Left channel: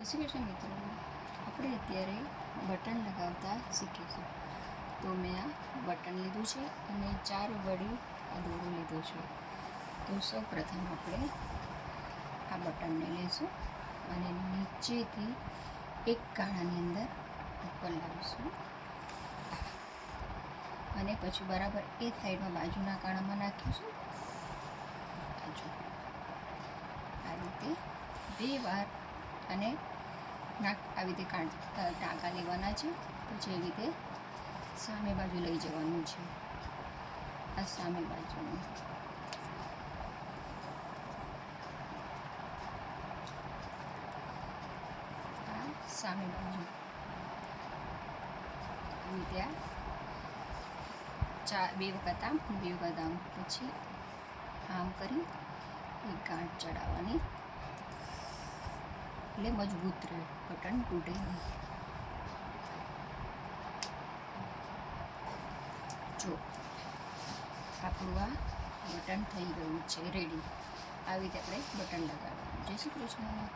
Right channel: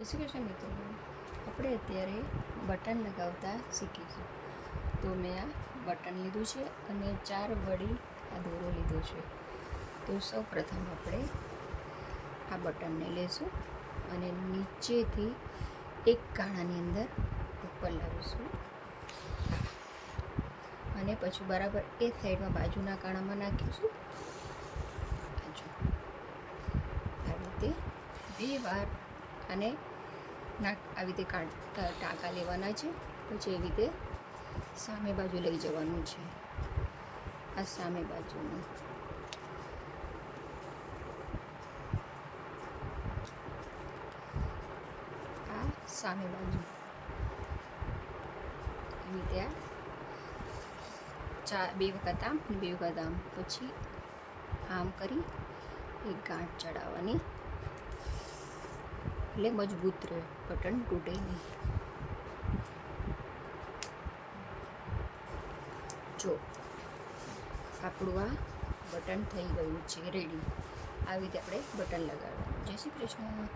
જય શ્રી કૃષ્ણ મિત્રો, આપણે અત્યારે બટન લગાવતા શીખીશું. તો મેં આ બટન લીધું છે અને 4 વળી આ દોરો લીધો છે. તો સૌ પ્રથમ આપણે આ બટનને લેશું અને નીચેથી એક ગાળાની અંદર ઉપર લાવીશું અને પછી બરાબર એ સાઈડમાં બાજુના કાણામાં નાખીશું. આ રીતે 2 વાર અને આવી રીતે ટાંકા લેવાના છે. પછી એવી રીતે સામે બાજુ લઈ જવાનું છે. આ સામે બાજુનું સામે બાજુ આવી રીતે આ 2 વખત આમ 2 વખત આમ, પછી આમ કરી એક ગાંઠ ચડાવવાની એટલે મજબૂત રહે, બટન તૂટે નહીં. જો આપણું આ બટન થઈ ગયું છે રેડી. આવી રીતે આપણે બટન લગાડવાનું. જય શ્રી કૃષ્ણ.